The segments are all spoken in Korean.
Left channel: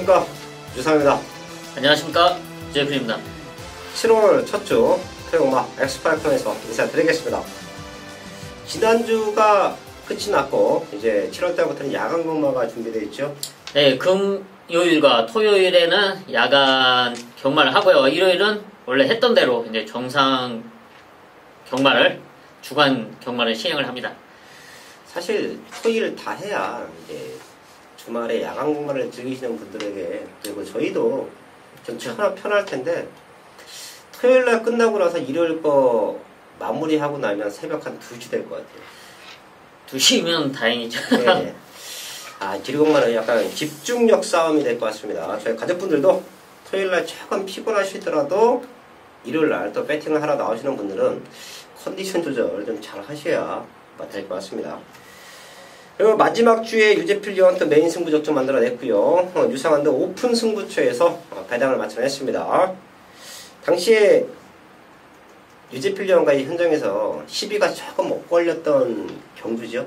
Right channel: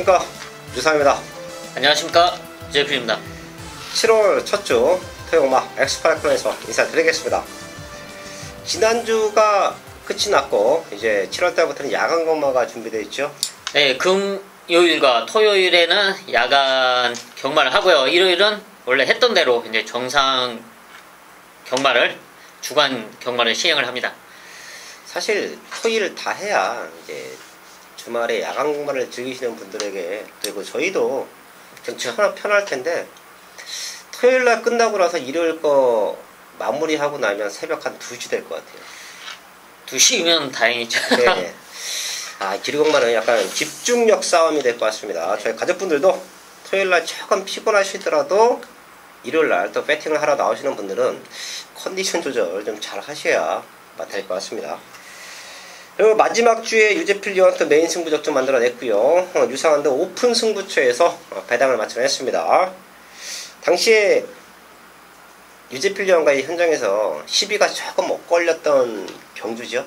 안녕하십니까, 유상입니다. 안녕하십니까, 제필입니다. 7월 첫 주 토요마 엑스파이크에서 인사드리겠습니다. 지난주가 끝이 났고 이제 7월달부터는 야간 경마가 준비되어 있죠. 네, 금요일과 토요일에는 야간 경마를 하고요. 일요일은 원래 했던 대로 이제 정상 경마를, 주간 경마를 시행을 합니다. 사실 토일 다 해야 이제 주말에 야간 경마를 즐기시는 분들에게, 그리고 저희도 편할 텐데, 토요일날 끝나고 나서 일요일 거 마무리하고 나면 새벽 한 2시 될 것 같아요. 2시면 다행이죠. 네. 기류경마는 약간 집중력 싸움이 될 것 같습니다. 저희 가족분들도 토요일날 조금 피곤하시더라도 일요일날 또 배팅을 하러 나오시는 분들은 컨디션 조절 좀 잘 하셔야 될 것 같습니다. 그리고 마지막 주에 유제필리언 또 메인 승부적 좀 만들어냈고요. 유상한도 오픈 승부처에서 배당을 마련했습니다. 당시에 유제필리언과의 현장에서 시비가 조금 엇걸렸던 경주죠.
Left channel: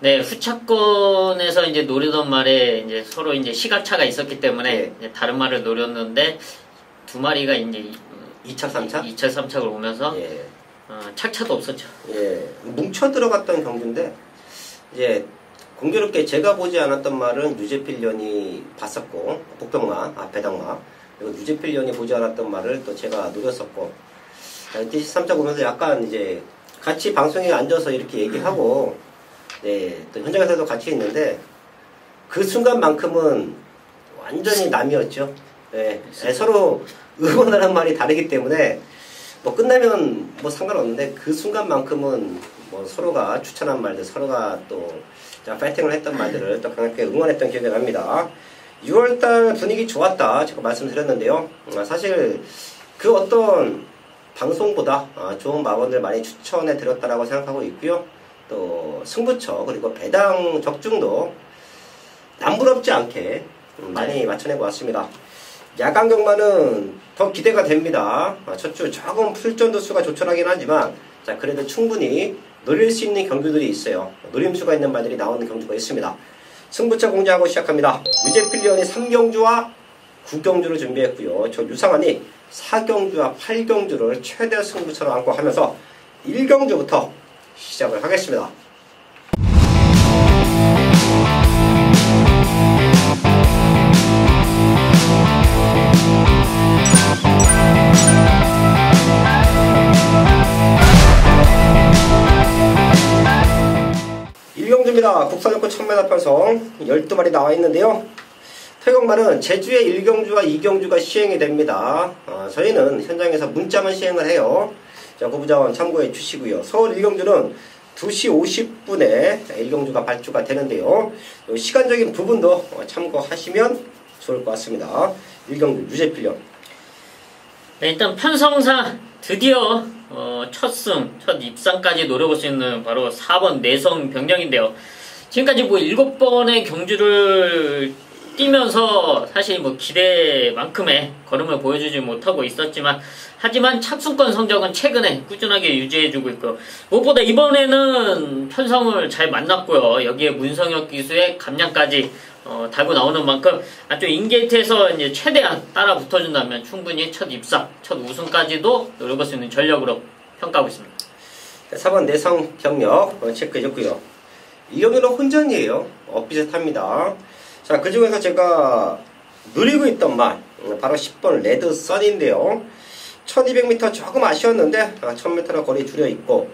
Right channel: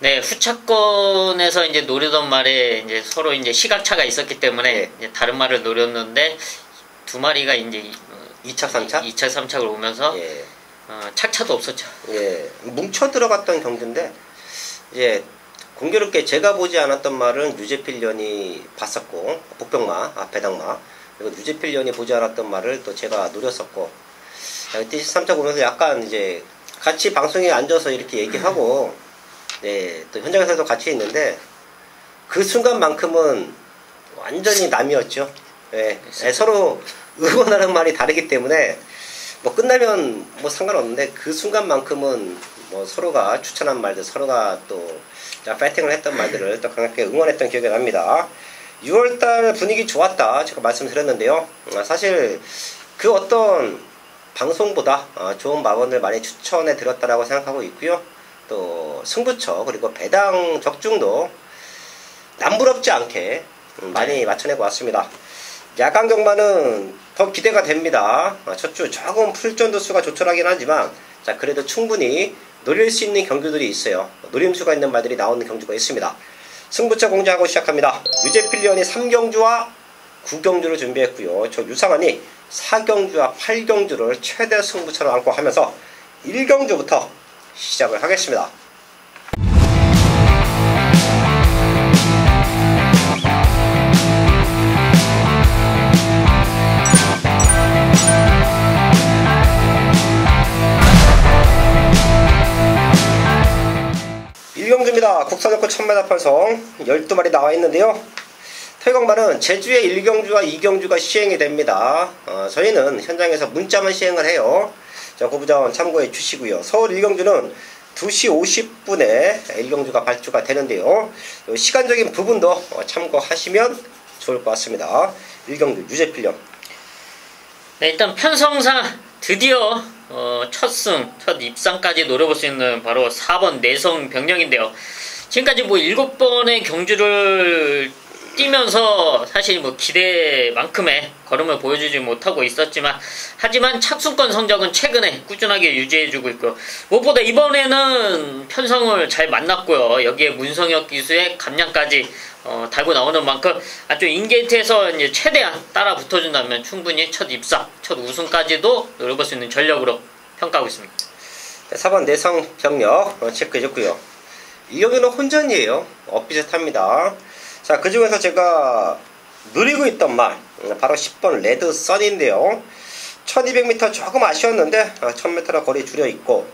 네, 후차권에서 이제 노리던 말에 이제 서로 이제 시각차가 있었기 때문에 네. 이제 다른 말을 노렸는데 두 마리가 이제 2차, 3차? 2차, 3차를 오면서 예. 착차도 없었죠. 예. 뭉쳐 들어갔던 경주인데, 이제 공교롭게 제가 보지 않았던 말은 유제필리언이 봤었고, 복병마, 배당마, 그리고 유제필리언이 보지 않았던 말을 또 제가 노렸었고, 그때 3차 보면서 약간 이제 같이 방송에 앉아서 이렇게 얘기하고, 네, 또 현장에서도 같이 있는데, 그 순간만큼은 완전히 남이었죠. 예. 서로 응원하는 말이 다르기 때문에, 뭐 끝나면 뭐 상관없는데, 그 순간만큼은 뭐 서로가 추천한 말들, 서로가 또 파이팅을 했던 말들을 또 강하게 응원했던 기억이 납니다. 6월달 분위기 좋았다 제가 말씀드렸는데요. 사실 그 어떤 방송보다 좋은 마원을 많이 추천해 드렸다라고 생각하고 있고요. 또 승부처 그리고 배당 적중도 남부럽지 않게 많이 맞춰내고 왔습니다. 야간 경마는 더 기대가 됩니다. 첫 주 조금 풀전도 수가 조촐하긴 하지만, 자, 그래도 충분히 노릴 수 있는 경주들이 있어요. 노림수가 있는 말들이 나오는 경주가 있습니다. 승부처 공개하고 시작합니다. 유제필리언이 3경주와 9경주를 준비했고요. 저 유상한이 4경주와 8경주를 최대 승부처로 안고 하면서 1경주부터 시작을 하겠습니다. 국산역구 1000m 편성 12마리 나와 있는데요. 태경마는 제주에 1경주와 2경주가 시행이 됩니다. 저희는 현장에서 문자만 시행을 해요. 자, 고부자원 참고해 주시고요. 서울 1경주는 2시 50분에 1경주가 발주가 되는데요. 시간적인 부분도 참고하시면 좋을 것 같습니다. 1경주 유제필리언. 네, 일단 편성상 드디어 첫 입상까지 노려볼 수 있는 바로 4번 내성 병력인데요. 지금까지 뭐 7번의 경주를 뛰면서 사실 뭐 기대만큼의 걸음을 보여주지 못하고 있었지만, 하지만 착순권 성적은 최근에 꾸준하게 유지해주고 있고요. 무엇보다 이번에는 편성을 잘 만났고요. 여기에 문성혁 기수의 감량까지 달고 나오는 만큼 아주 인게이트에서 이제 최대한 따라 붙어준다면 충분히 첫 입상, 첫 우승까지도 노려볼 수 있는 전력으로 평가하고 있습니다. 4번 내성 병력 체크해줬고요. 이 경기는 혼전이에요. 비슷합니다. 자, 그 중에서 제가 누리고 있던 말, 바로 10번 레드 선인데요. 1200m 조금 아쉬웠는데 1000m나 거리 줄여있고,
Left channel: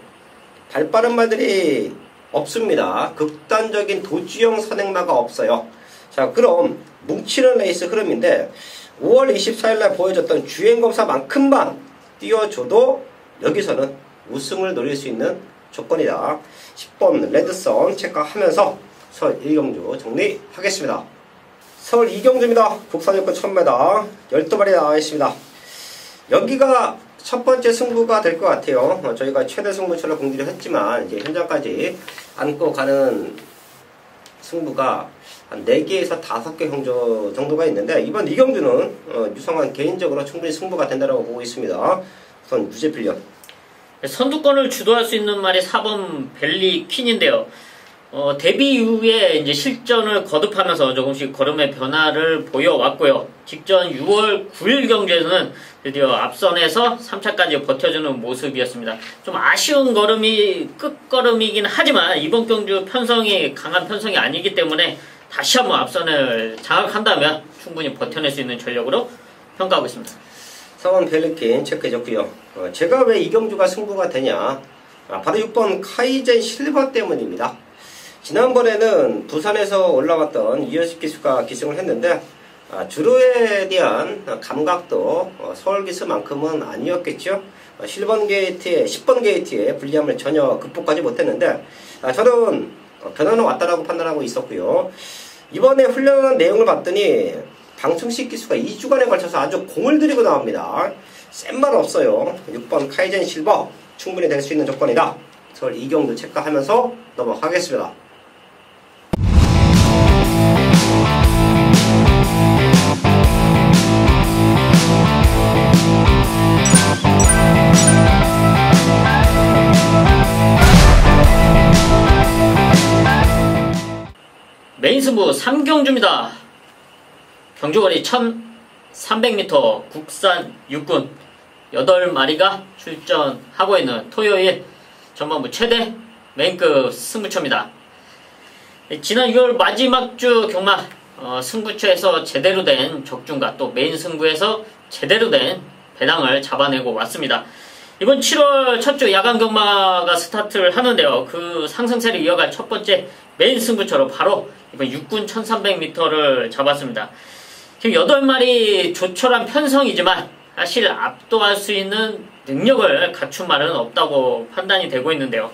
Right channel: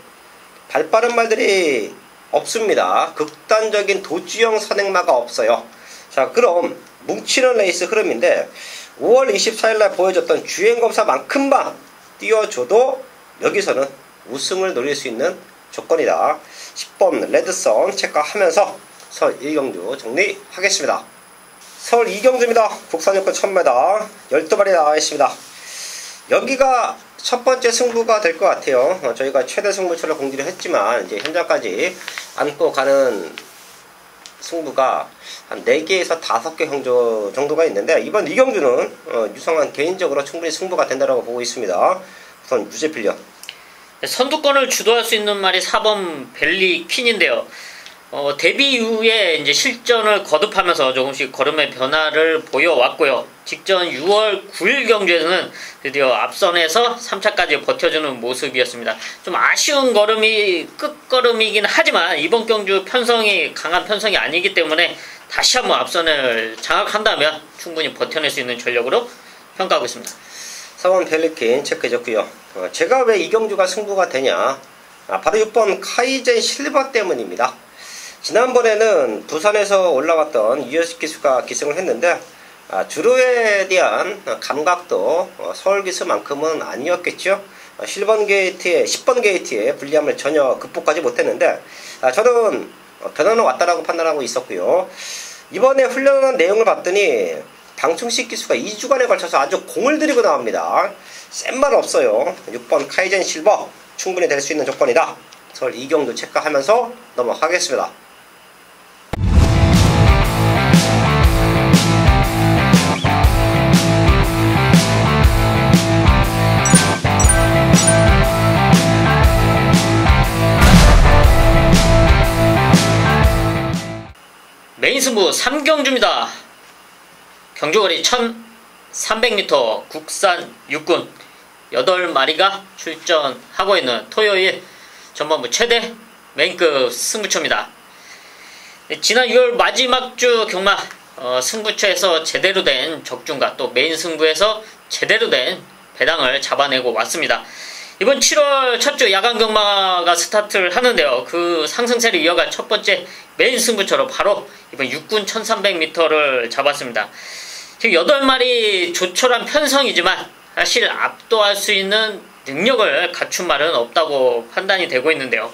발빠른 말들이 없습니다. 극단적인 도주형 선행마가 없어요. 자, 그럼 뭉치는 레이스 흐름인데 5월 24일날 보여줬던 주행검사만큼만 띄워줘도 여기서는 우승을 노릴 수 있는 조건이다. 10번 레드선 체크하면서 서울 1경주 정리하겠습니다. 서울 2경주입니다. 국산역권 1000m 12마리 나와 있습니다. 여기가 첫 번째 승부가 될 것 같아요. 저희가 최대 승부처를 공지를 했지만 이제 현장까지 안고 가는 승부가 한 4개에서 5개 경주 정도가 있는데, 이번 2경주는 유성한 개인적으로 충분히 승부가 된다고 보고 있습니다. 우선 유제필리언. 선두권을 주도할 수 있는 말이 4번 벨리 퀸인데요. 데뷔 이후에 이제 실전을 거듭하면서 조금씩 걸음의 변화를 보여왔고요. 직전 6월 9일 경주에서는 드디어 앞선에서 3차까지 버텨주는 모습이었습니다. 좀 아쉬운 걸음이 끝걸음이긴 하지만 이번 경주 편성이 강한 편성이 아니기 때문에 다시 한번 앞선을 장악한다면 충분히 버텨낼 수 있는 전력으로 평가하고 있습니다. 4번 펠리킨 체크해줬고요. 제가 왜 이 경주가 승부가 되냐, 바로 6번 카이젠 실버 때문입니다. 지난번에는 부산에서 올라갔던 유효식 기수가 기승을 했는데 주로에 대한 감각도 서울 기수만큼은 아니었겠죠. 10번 게이트의 불리함을 전혀 극복하지 못했는데 저는 변화는 왔다라고 판단하고 있었고요. 이번에 훈련한 내용을 봤더니 방충식 기수가 2주간에 걸쳐서 아주 공을 들이고 나옵니다. 센 말 없어요. 6번 카이젠 실버 충분히 될 수 있는 조건이다. 서울 이경주 체크하면서 넘어가겠습니다. 메인 승부 3경주입니다. 경주거리 1300m 국산 육군 8마리가 출전하고 있는 토요일 전반부 최대 메인급 승부처입니다. 지난 6월 마지막 주 경마 승부처에서 제대로 된 적중과 또 메인 승부에서 제대로 된 배당을 잡아내고 왔습니다. 이번 7월 첫 주 야간 경마가 스타트를 하는데요. 그 상승세를 이어갈 첫 번째 메인 승부처로 바로 이번 육군 1300m를 잡았습니다. 지금 8마리 조촐한 편성이지만 사실 압도할 수 있는 능력을 갖춘 말은 없다고 판단이 되고 있는데요.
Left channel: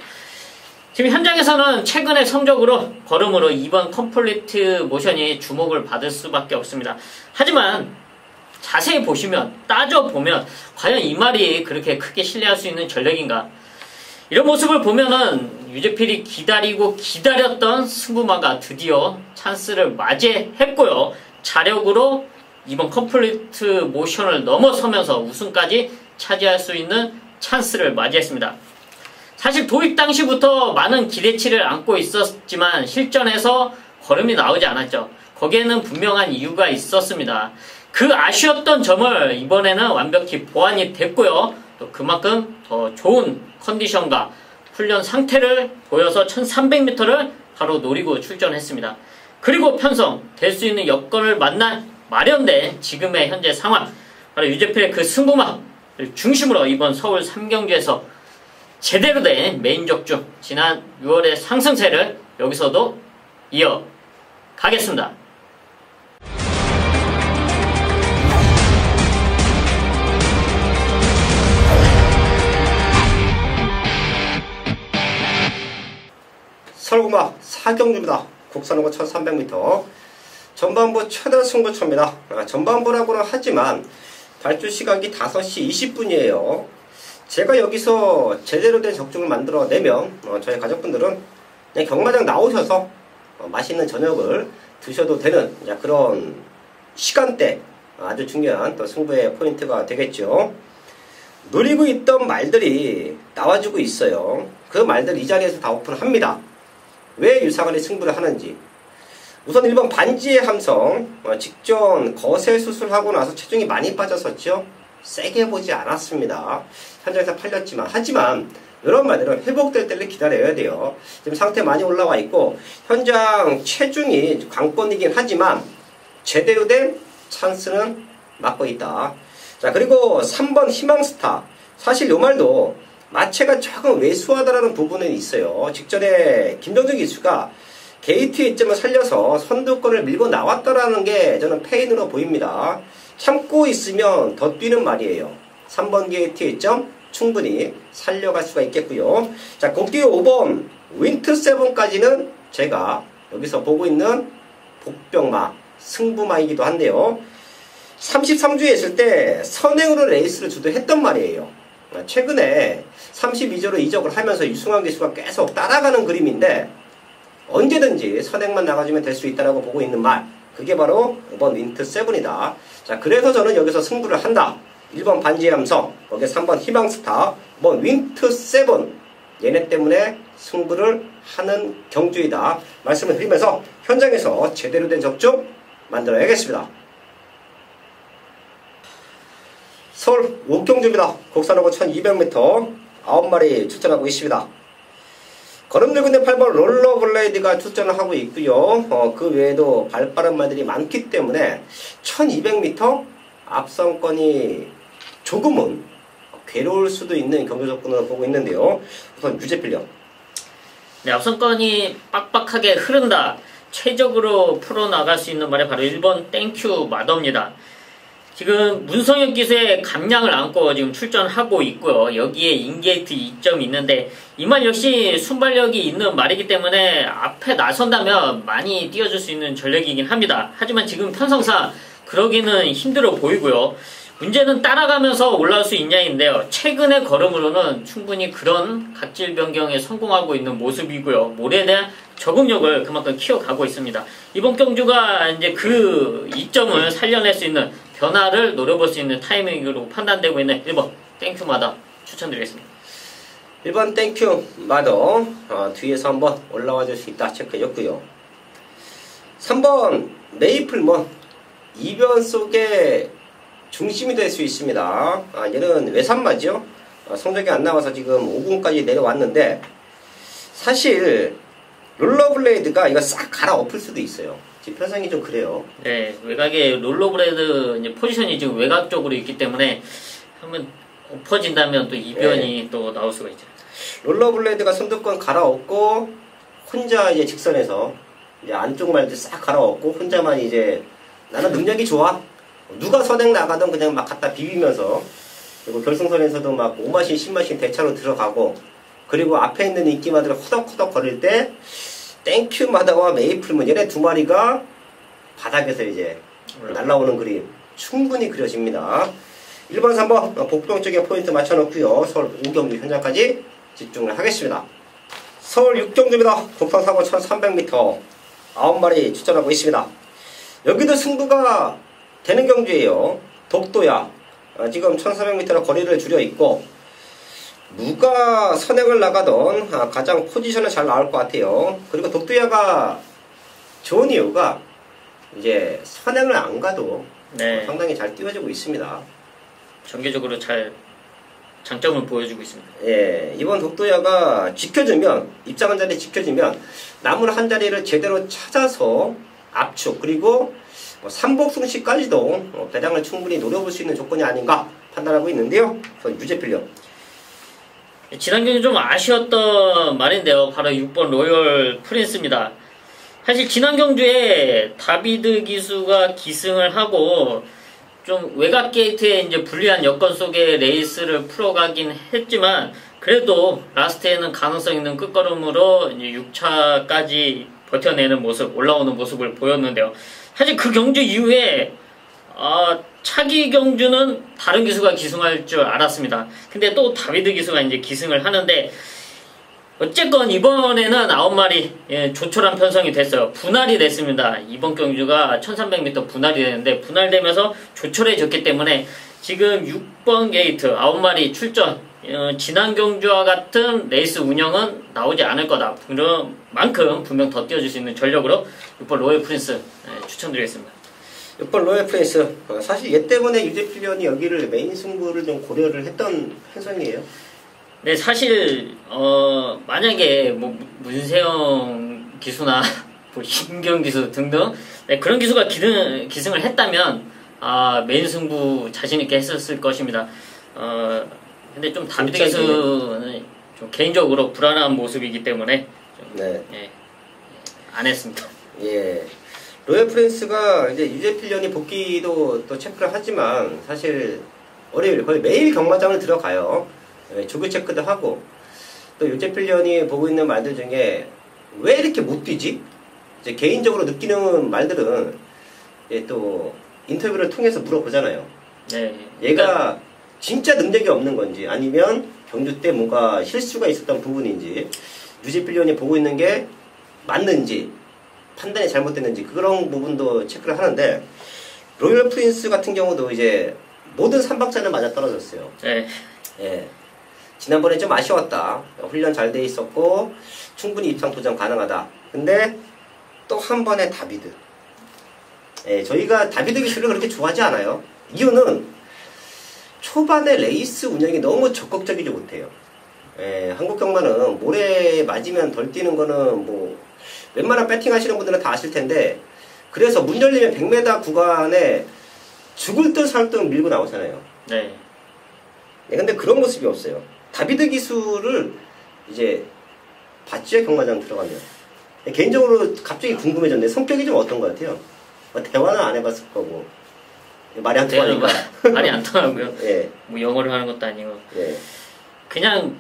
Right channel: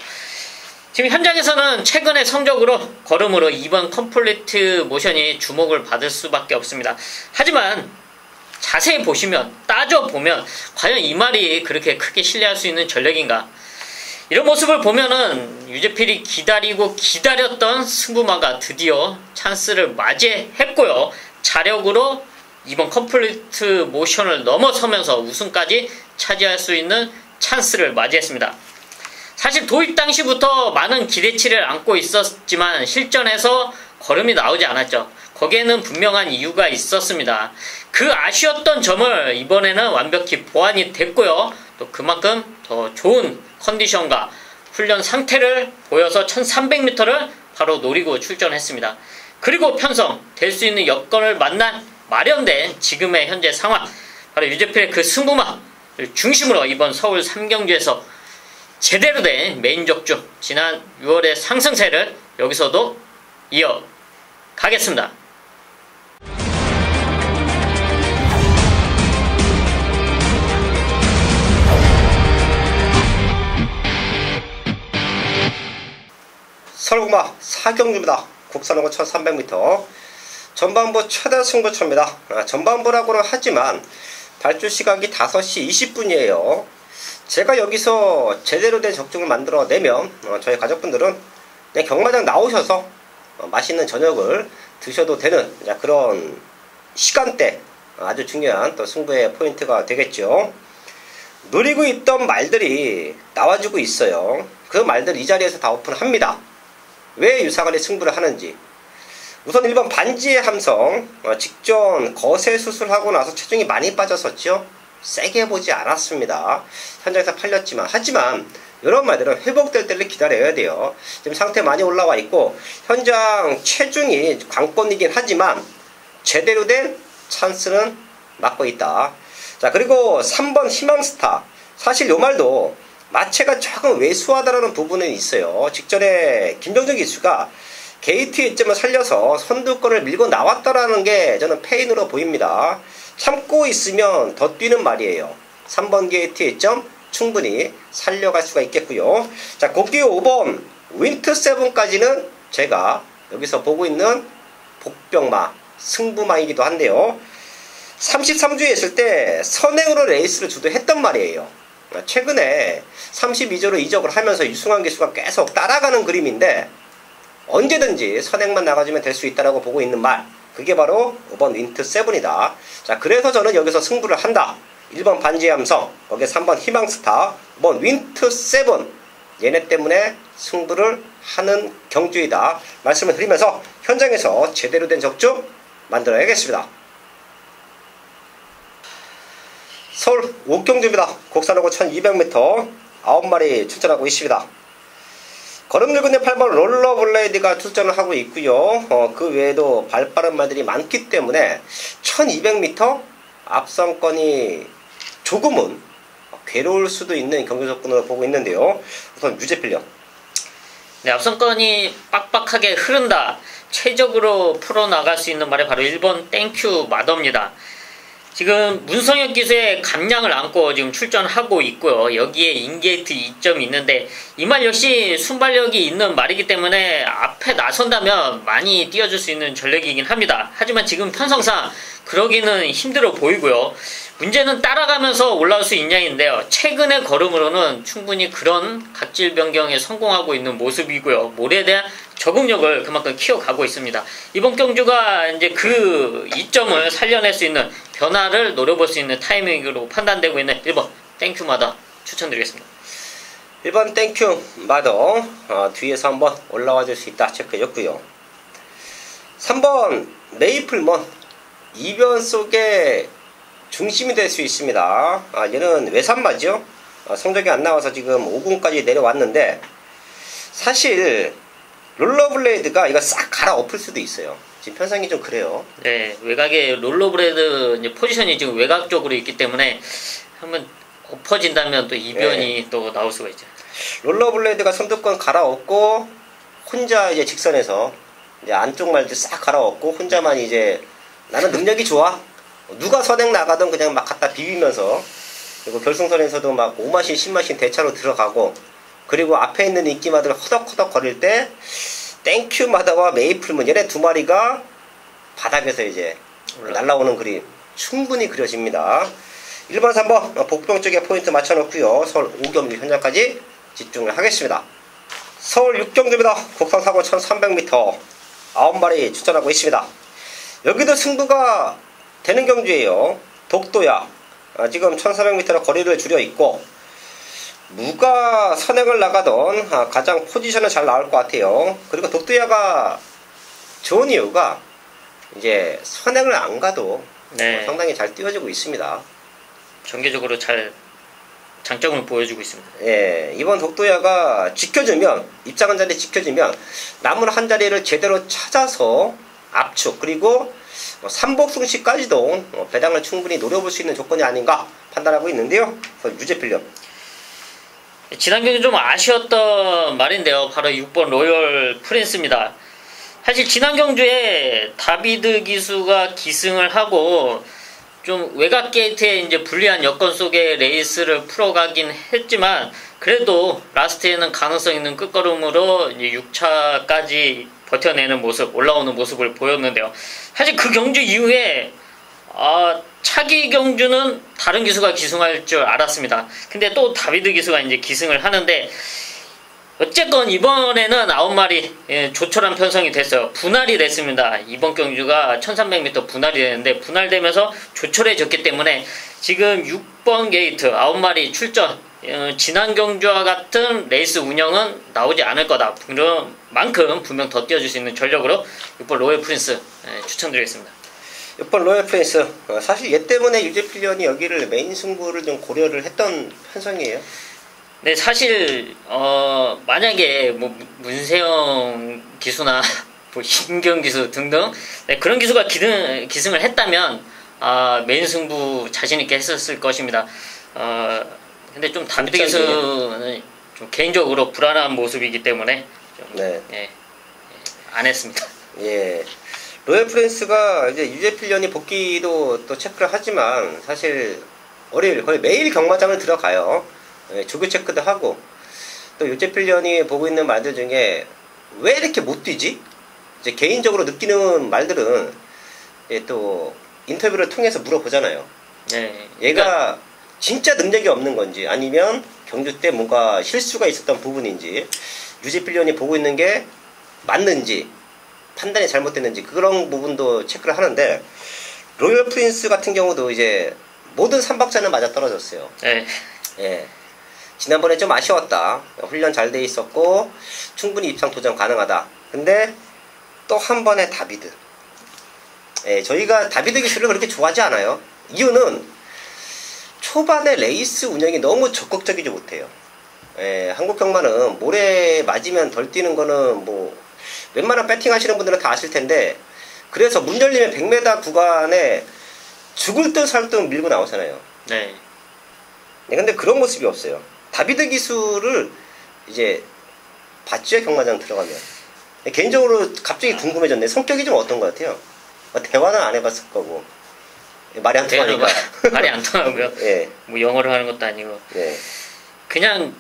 지금 현장에서는 최근의 성적으로 걸음으로 2번 컴플리트 모션이 주목을 받을 수밖에 없습니다. 하지만 자세히 보시면, 따져보면 과연 이 말이 그렇게 크게 신뢰할 수 있는 전력인가? 이런 모습을 보면은 유재필이 기다리고 기다렸던 승부마가 드디어 찬스를 맞이했고요. 자력으로 이번 컴플리트 모션을 넘어서면서 우승까지 차지할 수 있는 찬스를 맞이했습니다. 사실 도입 당시부터 많은 기대치를 안고 있었지만 실전에서 걸음이 나오지 않았죠. 거기에는 분명한 이유가 있었습니다. 그 아쉬웠던 점을 이번에는 완벽히 보완이 됐고요. 또 그만큼 더 좋은 컨디션과 훈련 상태를 보여서 1300m를 바로 노리고 출전했습니다. 그리고 편성 될 수 있는 여건을 마련된 지금의 현재 상황, 바로 유재필의 그 승부마를 중심으로 이번 서울 3경주에서 제대로 된 메인 적중, 지난 6월의 상승세를 여기서도 이어가겠습니다. 서울고마 4경주입니다. 국산호고 1300m 전반부 최대 승부처입니다. 전반부라고는 하지만 발주 시각이 5시 20분이에요. 제가 여기서 제대로 된 적중을 만들어내면 저희 가족분들은 그냥 경마장 나오셔서 맛있는 저녁을 드셔도 되는 그런 시간대, 아주 중요한 또 승부의 포인트가 되겠죠. 노리고 있던 말들이 나와주고 있어요. 그 말들 이 자리에서 다 오픈합니다. 왜 유사간의 승부를 하는지. 우선 1번 반지의 함성, 직전 거세 수술하고 나서 체중이 많이 빠졌었죠. 세게 보지 않았습니다. 현장에서 팔렸지만, 하지만 이런 말들은 회복될 때를 기다려야 돼요. 지금 상태 많이 올라와 있고 현장 체중이 관건이긴 하지만 제대로 된 찬스는 맞고 있다. 자, 그리고 3번 희망스타, 사실 이 말도 마체가 조금 왜소하다는 부분은 있어요. 직전에 김병정 기수가 게이트 이점을 살려서 선두권을 밀고 나왔다라는 게 저는 페인으로 보입니다. 참고 있으면 더 뛰는 말이에요. 3번 게이트 이점 충분히 살려갈 수가 있겠고요. 자, 곱디오 5번 윈트7까지는 제가 여기서 보고 있는 복병마, 승부마이기도 한데요. 33주에 있을 때 선행으로 레이스를 주도했단 말이에요. 최근에 32조로 이적을 하면서 유승환 기수가 계속 따라가는 그림인데 언제든지 선행만 나가주면 될 수 있다고 보고 있는 말, 그게 바로 5번 윈트7이다. 자, 그래서 저는 여기서 승부를 한다. 1번 반지의 함성, 거기에 3번 희망스타, 5번 윈트7, 얘네 때문에 승부를 하는 경주이다 말씀을 드리면서 현장에서 제대로 된 적중 만들어야겠습니다. 서울 옥경주입니다. 곡선하고 1200m 9마리 출전하고 있습니다. 걸음늙은 8번 롤러블레이드가 출전을 하고 있고요. 그 외에도 발빠른 말들이 많기 때문에 1200m 앞선권이 조금은 괴로울 수도 있는 경기 접근으로 보고 있는데요. 우선 유재필련. 네, 앞선권이 빡빡하게 흐른다. 최적으로 풀어나갈 수 있는 말이 바로 1번 땡큐 마더입니다. 지금 문성혁 기수의 감량을 안고 지금 출전하고 있고요. 여기에 인게이트 2점이 있는데 이 말 역시 순발력이 있는 말이기 때문에 앞에 나선다면 많이 띄워줄 수 있는 전력이긴 합니다. 하지만 지금 편성상 그러기는 힘들어 보이고요. 문제는 따라가면서 올라올 수 있냐인데요. 최근의 걸음으로는 충분히 그런 각질 변경에 성공하고 있는 모습이고요. 모래에 대한 적응력을 그만큼 키워가고 있습니다. 이번 경주가 이제 그 이점을 살려낼 수 있는 변화를 노려볼 수 있는 타이밍으로 판단되고 있는 1번 땡큐마다 추천드리겠습니다. 1번 땡큐 마더 뒤에서 한번 올라와 줄 수 있다 체크해줬고요. 3번 메이플먼 이변 속에 중심이 될 수 있습니다. 얘는 외산마죠. 성적이 안 나와서 지금 5군까지 내려왔는데 사실 롤러블레이드가 이거 싹 갈아엎을 수도 있어요. 지금 편상이 좀 그래요. 네, 외곽에 롤러블레이드 이제 포지션이 지금 외곽 쪽으로 있기 때문에 한번 엎어진다면 또 이변이 또 나올 수가 있죠. 롤러블레이드가 선두권 갈아엎고 혼자 이제 직선에서 이제 안쪽 말들 싹 갈아엎고 혼자만 이제 나는 능력이 좋아. 누가 선행 나가든 그냥 막 갖다 비비면서 그리고 결승선에서도 막 5마신 10마신 대차로 들어가고 그리고 앞에 있는 인기마들 허덕허덕 거릴 때 땡큐마다와 메이플문 얘네 두 마리가 바닥에서 이제 날라오는 그림 충분히 그려집니다. 1번 3번 복병 쪽에 포인트 맞춰놓고요. 서울 5경주 현장까지 집중을 하겠습니다. 서울 6경주입니다. 국산 사고 1300m 9마리 출전하고 있습니다. 여기도 승부가 되는 경주예요. 독도야 지금 1400m로 거리를 줄여 있고 누가 선행을 나가던 가장 포지션은 잘 나올 것 같아요. 그리고 독도야가 좋은 이유가 이제 선행을 안 가도 상당히 잘 띄워지고 있습니다. 전개적으로 잘 장점을 보여주고 있습니다. 예, 이번 독도야가 지켜주면 입장한 자리 지켜주면 남은 한 자리를 제대로 찾아서 압축 그리고 삼복승시까지도 배당을 충분히 노려볼 수 있는 조건이 아닌가 판단하고 있는데요. 유재필련. 지난 경기 좀 아쉬웠던 말인데요. 바로 6번 로열 프린스입니다. 사실 지난 경주에 다비드 기수가 기승을 하고 좀 외곽 게이트에 이제 불리한 여건 속에 레이스를 풀어가긴 했지만 그래도 라스트에는 가능성 있는 끝걸음으로 이제 6차까지 버텨내는 모습, 올라오는 모습을 보였는데요. 사실 그 경주 이후에 차기 경주는 다른 기수가 기승할 줄 알았습니다. 근데 또 다비드 기수가 이제 기승을 하는데 어쨌건 이번에는 9마리 조촐한 편성이 됐어요. 분할이 됐습니다. 이번 경주가 1300m 분할이 되는데 분할되면서 조촐해졌기 때문에 지금 6번 게이트 9마리 출전 지난 경주와 같은 레이스 운영은 나오지 않을 거다. 그런 만큼 분명 더 띄워줄 수 있는 전력으로 6번 로열 프린스 추천드리겠습니다. 6번 로열 프린스 사실 얘 때문에 유재필련이 여기를 메인 승부를 좀 고려를 했던 편성이에요. 네, 사실 만약에 뭐 문세영 기수나 뭐 임경 기수 등등 그런 기수가 기승을 했다면 메인 승부 자신 있게 했었을 것입니다. 근데 좀 다비드 기수는 좀 개인적으로 불안한 모습이기 때문에 좀, 안 했습니다. 예. 로열 프린스가 이제 유재필련이 복귀도 또 체크를 하지만 사실 월요일 거의 매일 경마장을 들어가요. 조교 체크도 하고 또 유재필련이 보고 있는 말들 중에 왜 이렇게 못 뛰지? 이제 개인적으로 느끼는 말들은 또 인터뷰를 통해서 물어보잖아요. 네. 얘가 진짜 능력이 없는 건지 아니면 경주 때 뭔가 실수가 있었던 부분인지 유재필련이 보고 있는 게 맞는지 판단이 잘못됐는지 그런 부분도 체크를 하는데 로열 프린스 같은 경우도 이제 모든 3박자는 맞아 떨어졌어요. 네. 예. 지난번에 좀 아쉬웠다. 훈련 잘 돼 있었고 충분히 입상 도전 가능하다. 근데 또 한 번의 다비드. 저희가 다비드 기술을 그렇게 좋아하지 않아요. 이유는 초반에 레이스 운영이 너무 적극적이지 못해요. 한국 경마는 모래 맞으면 덜 뛰는 거는 뭐 웬만한 배팅 하시는 분들은 다 아실 텐데, 그래서 문 열리면 100m 구간에 죽을 듯 살 듯 밀고 나오잖아요. 네. 근데 그런 모습이 없어요. 다비드 기술을 이제 봤죠, 경마장 들어가면. 개인적으로 갑자기 궁금해졌네. 성격이 좀 어떤 것 같아요? 대화는 안 해봤을 거고. 말이 안 통하니까. 말이 안 통하고요. 예. 뭐 영어를 하는 것도 아니고. 예. 그냥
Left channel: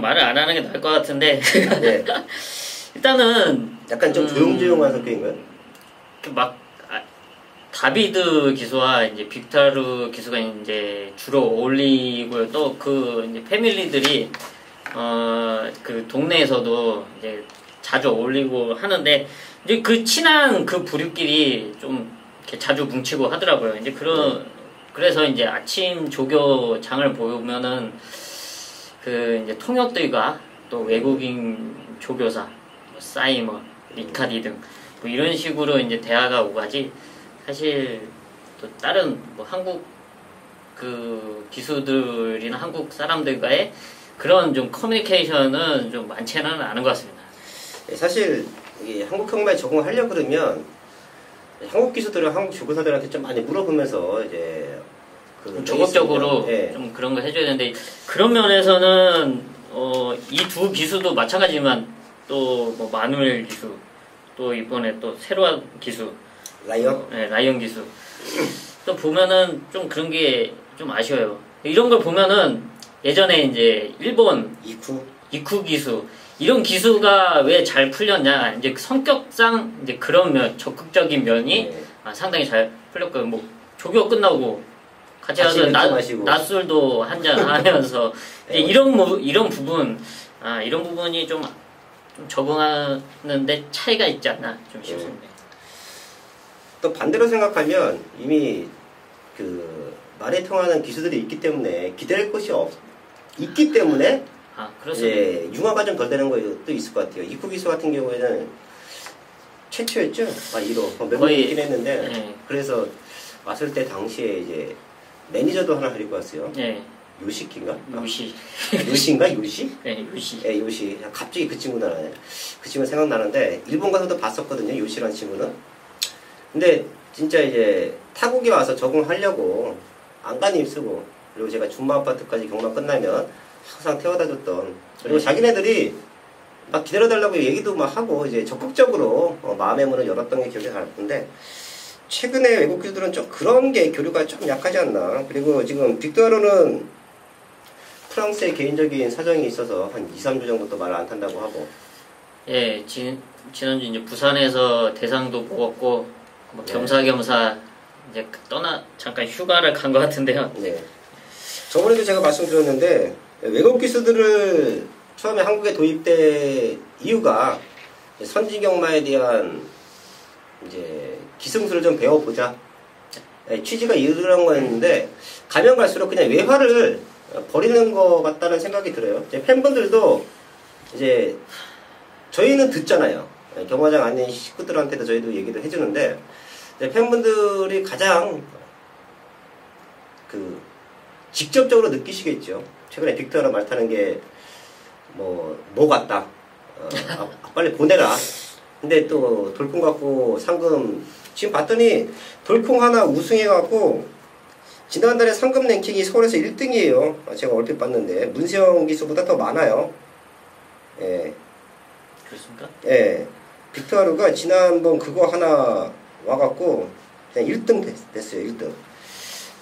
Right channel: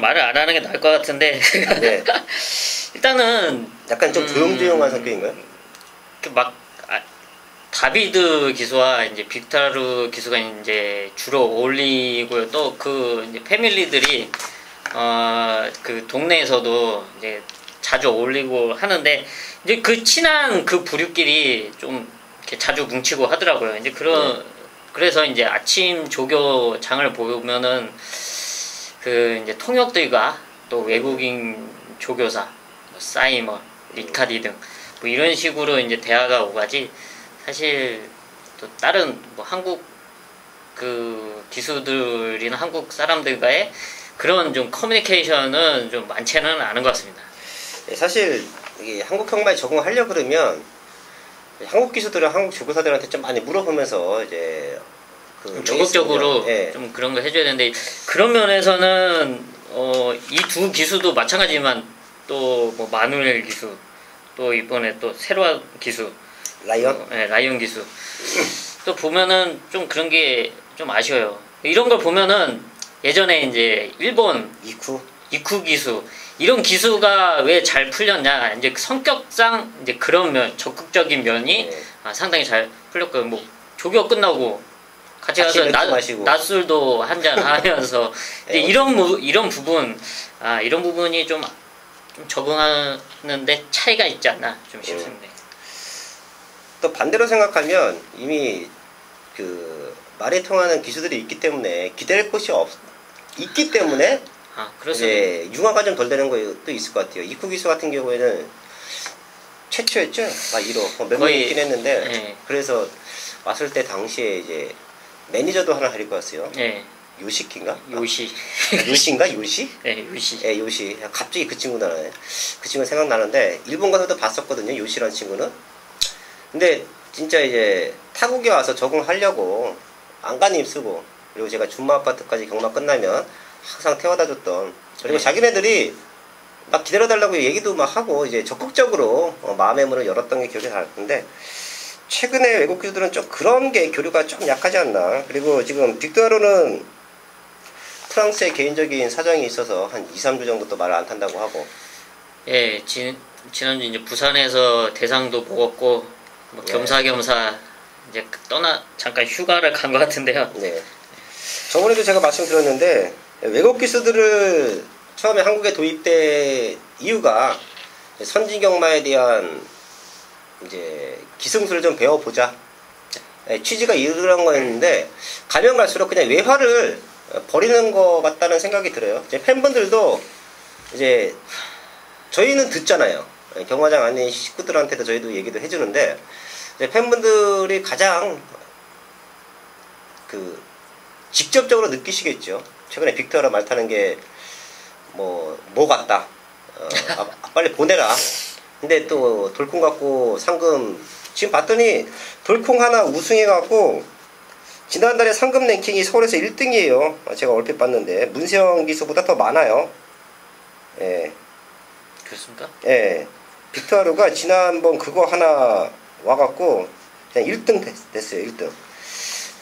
말을 안 하는 게 나을 것 같은데. 네. 일단은 약간 좀 조용조용한 성격인가요? 다비드 기수와 이제 빅타르 기수가 이제 주로 어울리고요. 또 그 패밀리들이 그 동네에서도 이제 자주 어울리고 하는데, 이제 그 친한 그 부류끼리 좀 이렇게 자주 뭉치고 하더라고요. 이제 그래서 이제 아침 조교장을 보면은 그 이제 통역들과 또 외국인 조교사, 뭐 사이먼, 리카디 등 뭐 이런 식으로 이제 대화가 오가지, 사실 또 다른 뭐 한국 그 기수들이나 한국 사람들과의 그런 좀 커뮤니케이션은 좀 많지는 않은 것 같습니다. 사실 이게 한국 경마에 적응하려 그러면 한국 기수들은 한국 조교사들한테 좀 많이 물어보면서 이제 적극적으로 좀 그런 거 해줘야 되는데, 그런 면에서는 이 두 기수도 마찬가지지만 또 뭐 마누엘 기수, 또 이번에 또 세로아 기수, 라이언? 라이언 기수 또 보면은 좀 그런 게 좀 아쉬워요. 이런 걸 보면은 예전에 이제 일본 이쿠 기수, 이런 기수가 왜 잘 풀렸냐, 이제 성격상 이제 그런 면, 적극적인 면이 상당히 잘 풀렸고요. 뭐 조교 끝나고 같이 가서 낮술도 한잔 하면서 이제 이런 부분, 이런 부분이 좀 적응하는데 차이가 있지 않나 좀 싶습니다. 또 반대로 생각하면 이미 그 말에 통하는 기수들이 있기 때문에 기댈 곳이 있기 때문에 이제 융화가 좀 덜 되는 것도 있을 것 같아요. 이쿠 기수 같은 경우에는 최초였죠. 1호 몇 명 있긴 했는데, 그래서 왔을 때 당시에 이제 매니저도 하나 데리고 왔어요. 요시키인가? 요시인가? 요시? 네, 요시. 네, 요시. 갑자기 그 친구 나네. 그 친구 생각나는데, 일본 가서도 봤었거든요, 요시라는 친구는. 근데 진짜 이제 타국에 와서 적응하려고 안간힘 쓰고, 그리고 제가 준마 아파트까지 경마 끝나면 항상 태워다 줬던, 그리고 자기네들이 막 기다려달라고 얘기도 막 하고 이제 적극적으로 마음의 문을 열었던 게 기억이 나는데, 최근에 외국 기수들은 좀 그런 게 교류가 좀 약하지 않나. 그리고 지금 빅토르는 프랑스의 개인적인 사정이 있어서 한 2, 3주 정도 말을 안 탄다고 하고. 예, 지난주 이제 부산에서 대상도 먹었고, 뭐 겸사겸사 이제 잠깐 휴가를 간 것 같은데요. 네. 저번에도 제가 말씀드렸는데, 외국 기수들을 처음에 한국에 도입된 이유가 선진경마에 대한 이제 기승술을 좀 배워보자, 취지가 이런 거였는데, 가면 갈수록 그냥 외화를 버리는 것 같다는 생각이 들어요. 이제 팬분들도 이제 저희는 듣잖아요. 경마장 아닌 식구들한테도 저희도 얘기도 해주는데, 이제 팬분들이 가장 그 직접적으로 느끼시겠죠. 최근에 빅토르 말 타는 게 뭐 같다. 빨리 보내라. 근데 또 돌콩 갖고 상금 지금 봤더니 돌콩 하나 우승해갖고 지난달에 상금 랭킹이 서울에서 1등이에요. 제가 얼핏 봤는데 문세영 기수보다 더 많아요. 예. 그렇습니까? 예. 빅토르가 지난번 그거 하나 와갖고 그냥 1등 됐어요. 1등.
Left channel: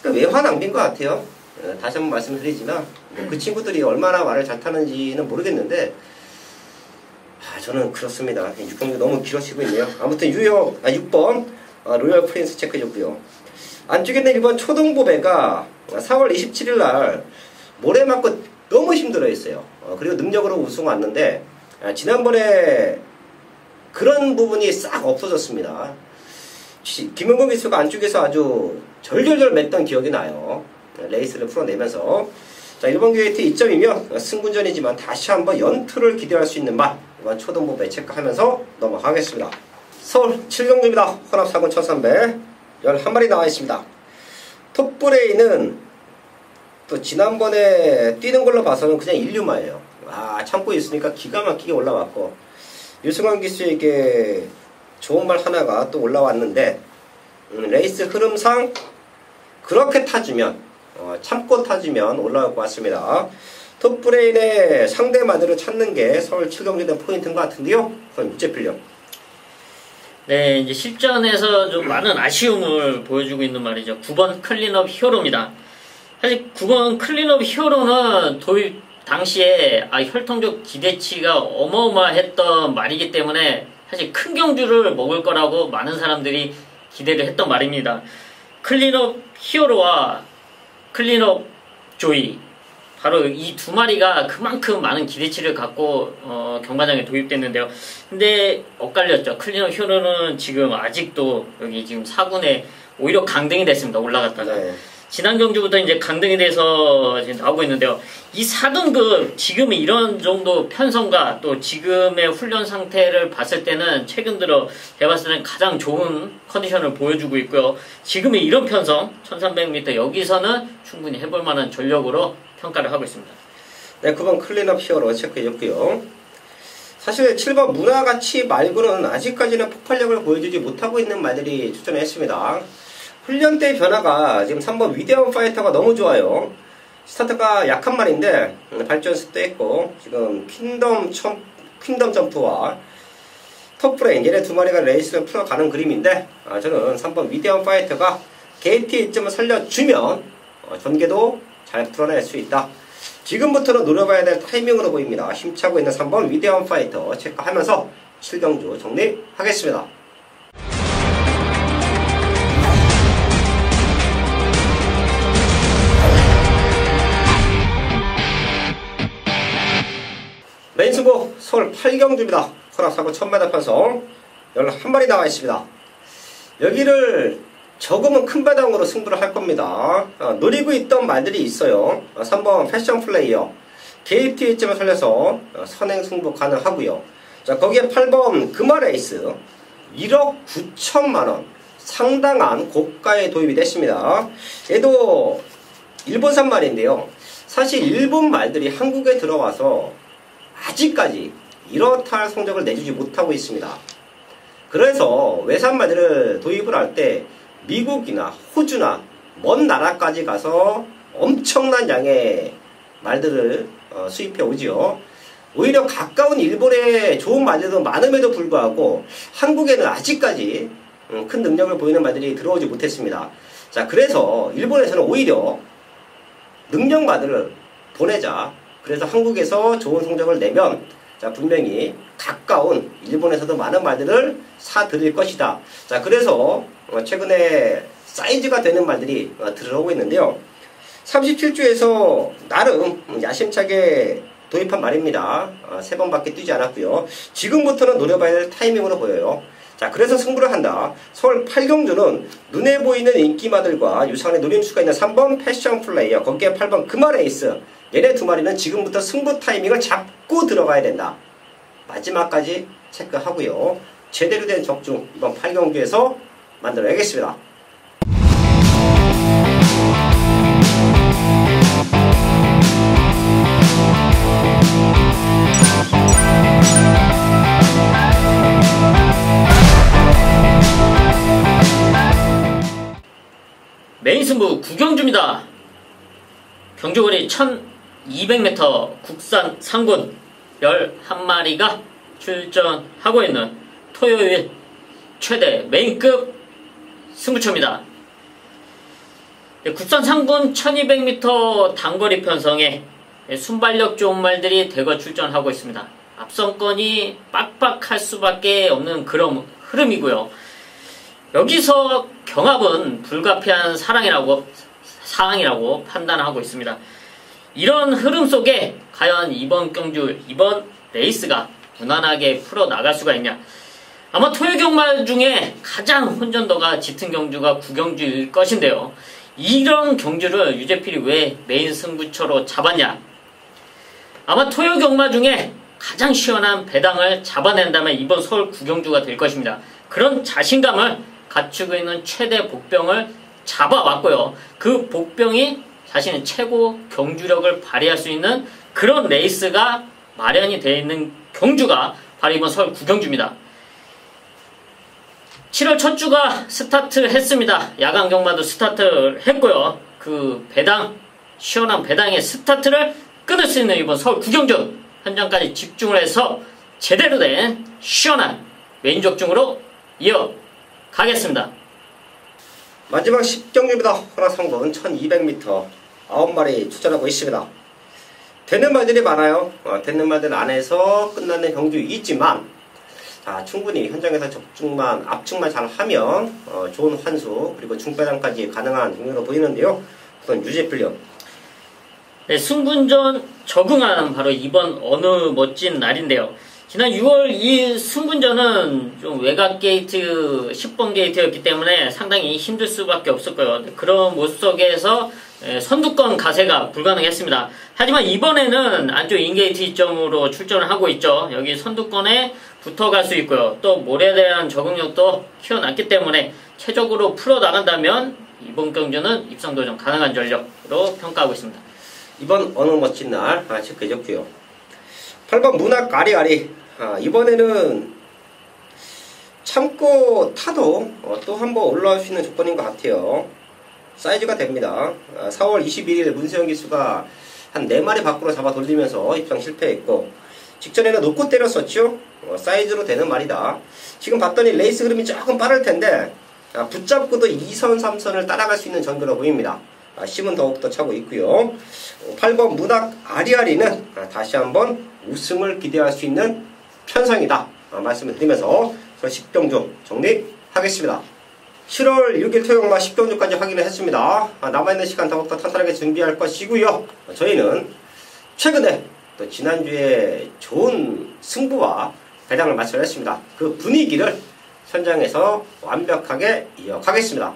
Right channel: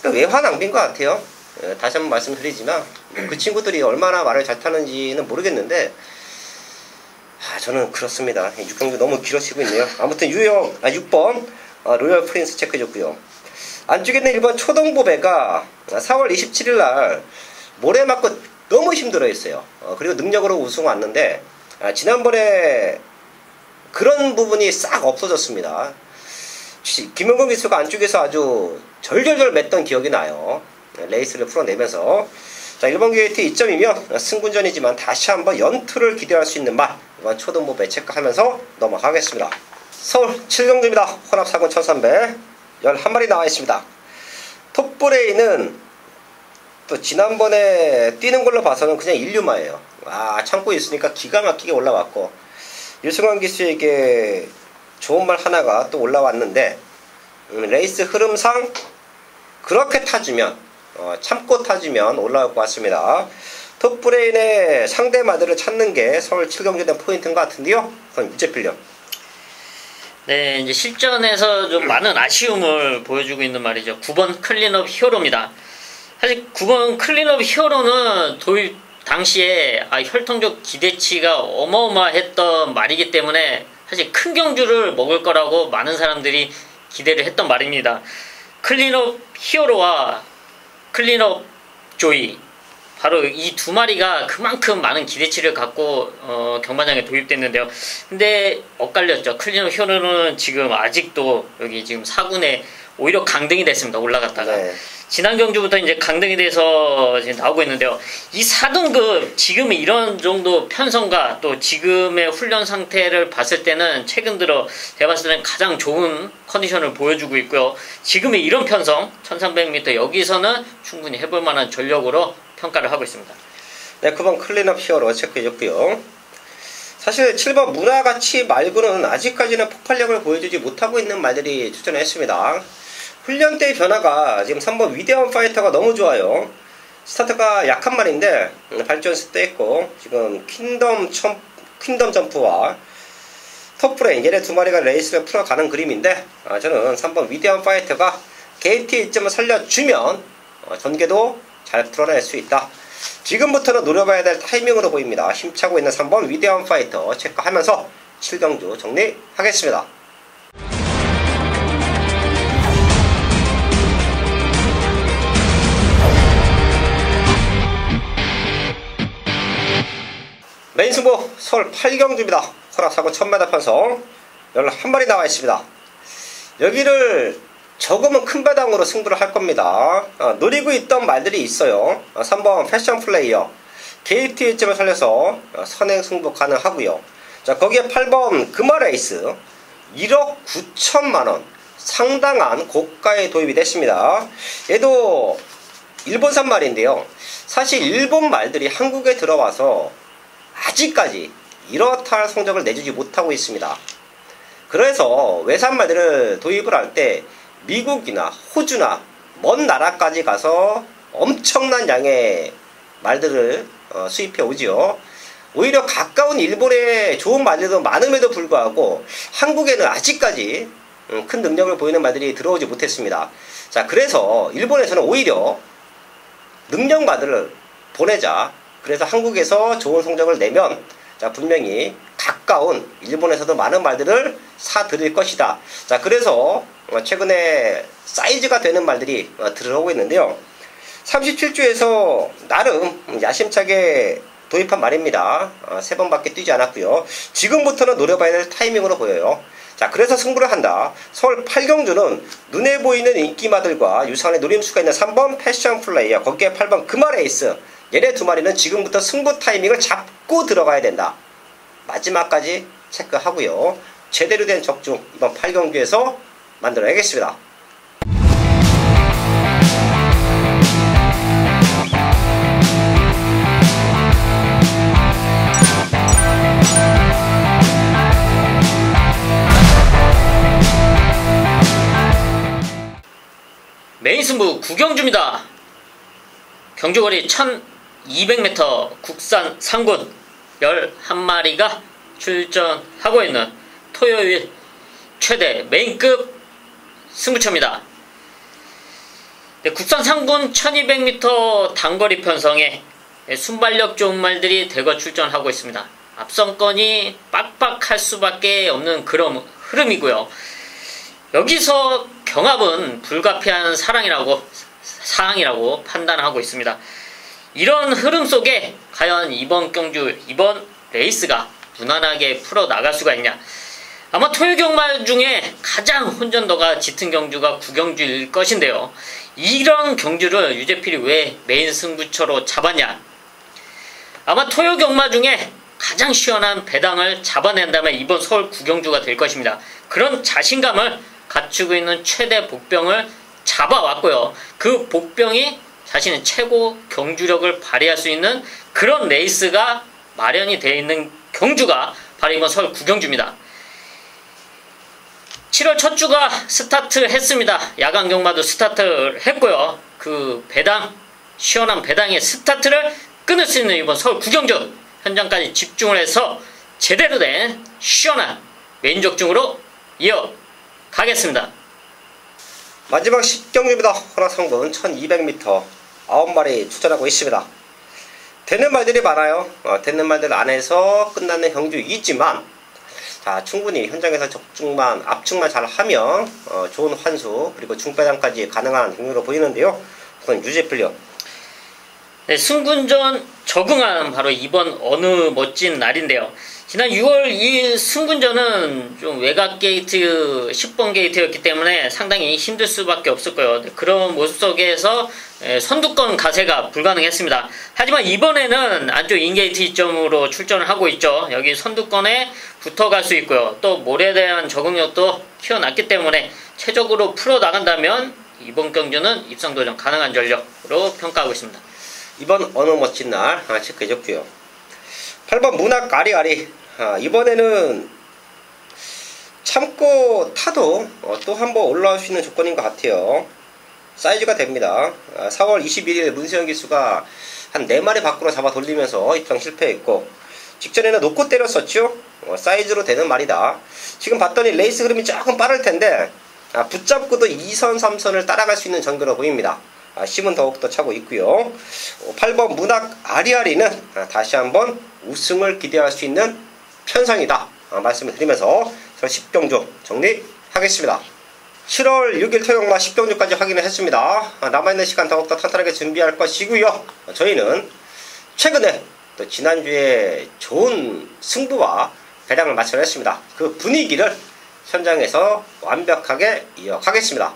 외화 낭비인 것 같아요. 다시 한번 말씀드리지만 그 친구들이 얼마나 말을 잘 타는지는 모르겠는데, 저는 그렇습니다. 6경기 너무 길어지고 있네요. 아무튼 6번 로열 프린스 체크해줬고요. 안쪽에 있는 1번 초동보배가 4월 27일 날 모래 맞고 너무 힘들어했어요. 그리고 능력으로 우승 왔는데, 지난번에 그런 부분이 싹 없어졌습니다. 김용건 기수가 안쪽에서 아주 절절절 맸던 기억이 나요. 레이스를 풀어내면서 자, 1번 게이트 2점이면 승분전이지만 다시 한번 연투를 기대할 수 있는 말, 이번 초등부배 체크하면서 넘어가겠습니다. 서울 7경주입니다. 혼합 4군 1300 11마리 나와 있습니다. 톱브레인은 또 지난번에 뛰는 걸로 봐서는 그냥 일류마예요. 참고 있으니까 기가 막히게 올라왔고, 유승환 기수에게 좋은 말 하나가 또 올라왔는데, 레이스 흐름상 그렇게 타주면, 참고 타주면 올라올 것 같습니다. 톱브레인의 상대 마들을 찾는 게 서울 7경주에 대한 포인트인 것 같은데요. 그럼 무죄필령. 네, 이제 실전에서 좀 많은 아쉬움을 보여주고 있는 말이죠. 9번 클린업 히어로입니다. 사실 9번 클린업 히어로는 도입 당시에 혈통적 기대치가 어마어마했던 말이기 때문에 사실 큰 경주를 먹을 거라고 많은 사람들이 기대를 했던 말입니다. 클린업 히어로와 클린업 조이, 바로 이 두 마리가 그만큼 많은 기대치를 갖고 경마장에 도입됐는데요. 근데 엇갈렸죠. 클린업 히어로는 지금 아직도 여기 지금 4군에 오히려 강등이 됐습니다. 올라갔다가. 네. 지난 경주부터 이제 강등이 돼서 지금 나오고 있는데요. 이 4등급 지금의 이런 정도 편성과 또 지금의 훈련 상태를 봤을 때는 최근 들어 제가 봤을 때는 가장 좋은 컨디션을 보여주고 있고요. 지금의 이런 편성 1300m 여기서는 충분히 해볼 만한 전력으로 평가를 하고 있습니다. 네, 9번 클린업 히어로 체크해줬고요. 사실 7번 문화가치 말고는 아직까지는 폭발력을 보여주지 못하고 있는 말들이 출전을 했습니다. 훈련 때 변화가 지금 3번 위대한 파이터가 너무 좋아요. 스타트가 약한 말인데 발전 스테이고 지금 퀸덤 점프와 톱브레인 얘네 두 마리가 레이스를 풀어가는 그림인데, 저는 3번 위대한 파이터가 게이트 1점을 살려주면 전개도 잘 풀어낼 수 있다. 지금부터는 노려봐야 될 타이밍으로 보입니다. 힘차고 있는 3번 위대한 파이터 체크하면서 7경주 정리하겠습니다. 메인 승부 서울 8경주입니다. 혼합 4군 1000m 편성 11마리 나와 있습니다. 여기를 조금은 큰 배당으로 승부를 할 겁니다. 노리고 있던 말들이 있어요. 3번 패션 플레이어 게이트 1점을 살려서 선행 승부 가능하고요. 자, 거기에 8번 금화레이스 1억 9천만원 상당한 고가에 도입이 됐습니다. 얘도 일본산 말인데요. 사실 일본 말들이 한국에 들어와서 아직까지 이렇다 할 성적을 내주지 못하고 있습니다. 그래서 외산 말들을 도입을 할 때 미국이나 호주나 먼 나라까지 가서 엄청난 양의 말들을 수입해 오지요. 오히려 가까운 일본에 좋은 말들도 많음에도 불구하고 한국에는 아직까지 큰 능력을 보이는 말들이 들어오지 못했습니다. 자, 그래서 일본에서는 오히려 능력 말들을 보내자. 그래서 한국에서 좋은 성적을 내면 자, 분명히 가까운 일본에서도 많은 말들을 사들일 것이다. 자, 그래서 최근에 사이즈가 되는 말들이 들어오고 있는데요. 37주에서 나름 야심차게 도입한 말입니다. 3번밖에 뛰지 않았고요. 지금부터는 노려봐야 될 타이밍으로 보여요. 자, 그래서 승부를 한다. 서울 8경주는 눈에 보이는 인기마들과 유사한의 노림수가 있는 3번 패션 플레이어, 거기에 8번 금화레이스, 얘네 두 마리는 지금부터 승부 타이밍을 잡고 들어가야 된다. 마지막까지 체크하고요. 제대로 된 적중 이번 8경주에서 만들어야겠습니다. 메인 승부 9경주입니다. 경주거리 1200m 국산 상군 11마리가 출전하고 있는 토요일 최대 메인급 승부처입니다. 네, 국산 상군 1200m 단거리 편성에 순발력 좋은 말들이 대거 출전하고 있습니다. 앞선권이 빡빡할 수밖에 없는 그런 흐름이고요. 여기서 경합은 불가피한 사항이라고 판단하고 있습니다. 이런 흐름 속에 과연 이번 경주, 이번 레이스가 무난하게 풀어나갈 수가 있냐. 아마 토요 경마 중에 가장 혼전도가 짙은 경주가 구경주일 것인데요. 이런 경주를 유재필이 왜 메인 승부처로 잡았냐? 아마 토요 경마 중에 가장 시원한 배당을 잡아낸다면 이번 서울 구경주가 될 것입니다. 그런 자신감을 갖추고 있는 최대 복병을 잡아왔고요. 그 복병이 자신의 최고 경주력을 발휘할 수 있는 그런 레이스가 마련이 되어 있는 경주가 바로 이번 서울 구경주입니다. 7월 첫 주가 스타트 했습니다. 야간 경마도 스타트를 했고요. 그 배당, 시원한 배당의 스타트를 끊을 수 있는 이번 서울 구경주 현장까지 집중을 해서 제대로 된 시원한 메인족중으로 이어가겠습니다. 마지막 10경주입니다. 허락성분 1200m 9마리 출전하고 있습니다. 되는 말들이 많아요. 되는 말들 안에서 끝나는 경주이지만 자, 충분히 현장에서 압축만 잘 하면 좋은 환수 그리고 중배당까지 가능한 경주로 보이는데요. 우선 유재필요. 네, 승군전 적응하는 바로 이번 어느 멋진 날인데요. 지난 6월 이 승군전은 좀 외곽 게이트 10번 게이트였기 때문에 상당히 힘들 수밖에 없을 거예요. 그런 모습 속에서 선두권 가세가 불가능했습니다. 하지만 이번에는 안쪽 인게이트 이점으로 출전을 하고 있죠. 여기 선두권에 붙어갈 수 있고요. 또 몰에 대한 적응력도 키워놨기 때문에 최적으로 풀어나간다면 이번 경주는 입상도전 가능한 전력으로 평가하고 있습니다. 이번 어느 멋진 날 체크해줬고요. 8번 문학 아리아리. 이번에는 참고 타도 또 한번 올라올 수 있는 조건인 것 같아요. 사이즈가 됩니다. 4월 21일 문세영 기수가 한 4마리 밖으로 잡아 돌리면서 입상 실패했고 직전에는 놓고 때렸었죠. 사이즈로 되는 말이다. 지금 봤더니 레이스 흐름이 조금 빠를 텐데 붙잡고도 2선 3선을 따라갈 수 있는 전개로 보입니다. 힘은 더욱더 차고 있고요. 8번 문학 아리아리는 다시 한번 우승을 기대할 수 있는 편성이다 말씀을 드리면서 10경주 정리하겠습니다. 7월 6일 토요일마 10경주까지 확인을 했습니다. 남아있는 시간 더욱더 탄탄하게 준비할 것이고요. 저희는 최근에 또 지난주에 좋은 승부와 배당을 마련했습니다. 그 분위기를 현장에서 완벽하게 이어가겠습니다.